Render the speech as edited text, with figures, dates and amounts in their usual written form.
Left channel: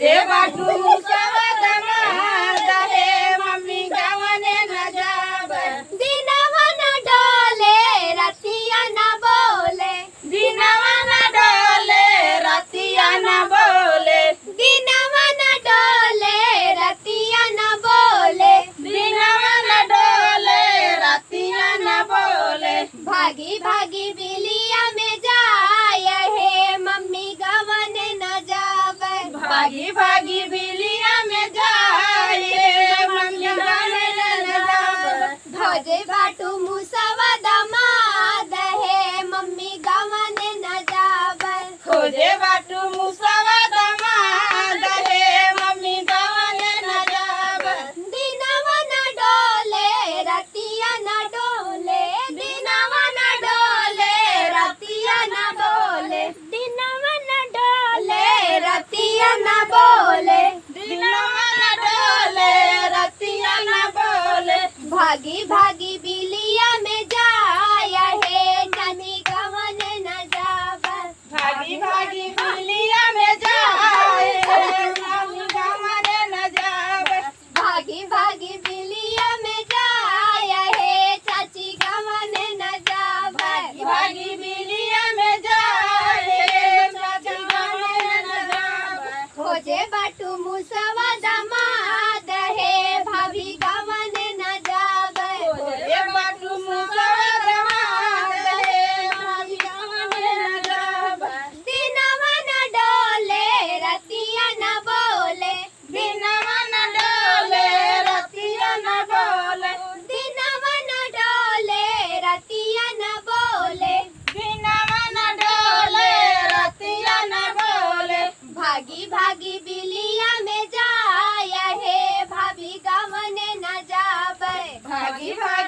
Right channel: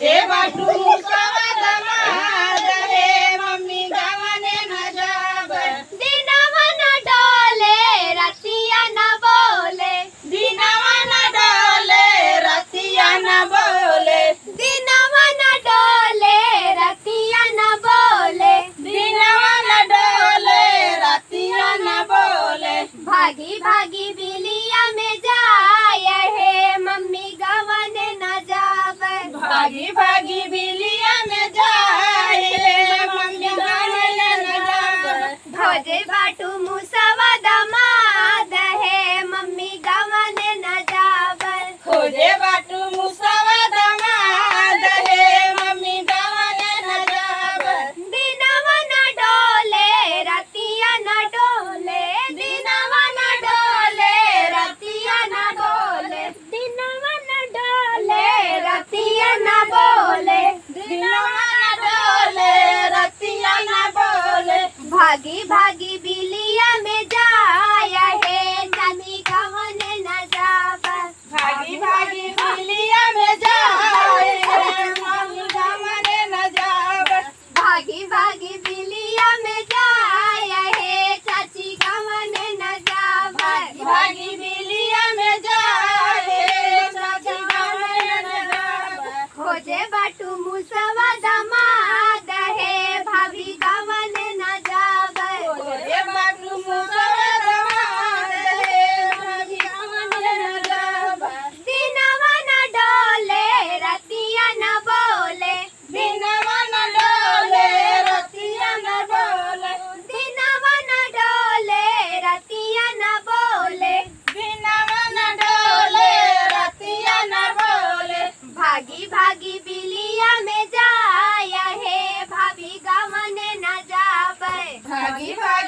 खोजे बाटू मुसवा दमाद हे मम्मी गावने न जाब दिनवा न डोले रतिया न बोले दिनवा न डोले रतिया न बोले दिनवा न डोले रतिया न बोले दिनवा न डोले रतिया न बोले भागी भागी बिलिया में जाय हे मम्मी गवन न जाब भागी भागी बिलिया में जाए मम्मी गावने न जाब खोजे बाटू मुसवा दमाद हे मम्मी गवन न जाब खोजे बाटू मुसवा दमाद हे मम्मी गावने न जाब दिनवा न डोले रतिया न डोले दिनवा न डोले रतिया न बोले दिनवा न डोले रतिया न बोले दिनवा न डोले रतिया न बोले भागी भागी बिलिया में जाय हे नानी गवन न जाब भागी भागी बिलिया में जाए मम्मी गावने न जाब भागी भागी बिलिया में जाय हे चाची गवन न जाब भागी बिलिया में जाए चाची गावने न जाब खोजे बाटू मुसवा दमाद हे भाभी गवन न जाब खोजे बाटू मुसवा दमाद हे भाभी गावने न जाब दिनवा न डोले रतिया न बोले दिनवा न डोले रतिया न बोले दिनवा न डोले रतिया न बोले दिनवा न डोले रतिया न बोले भागी भागी बिलिया में जाय हे भाभी गवन न जाब भागी भागी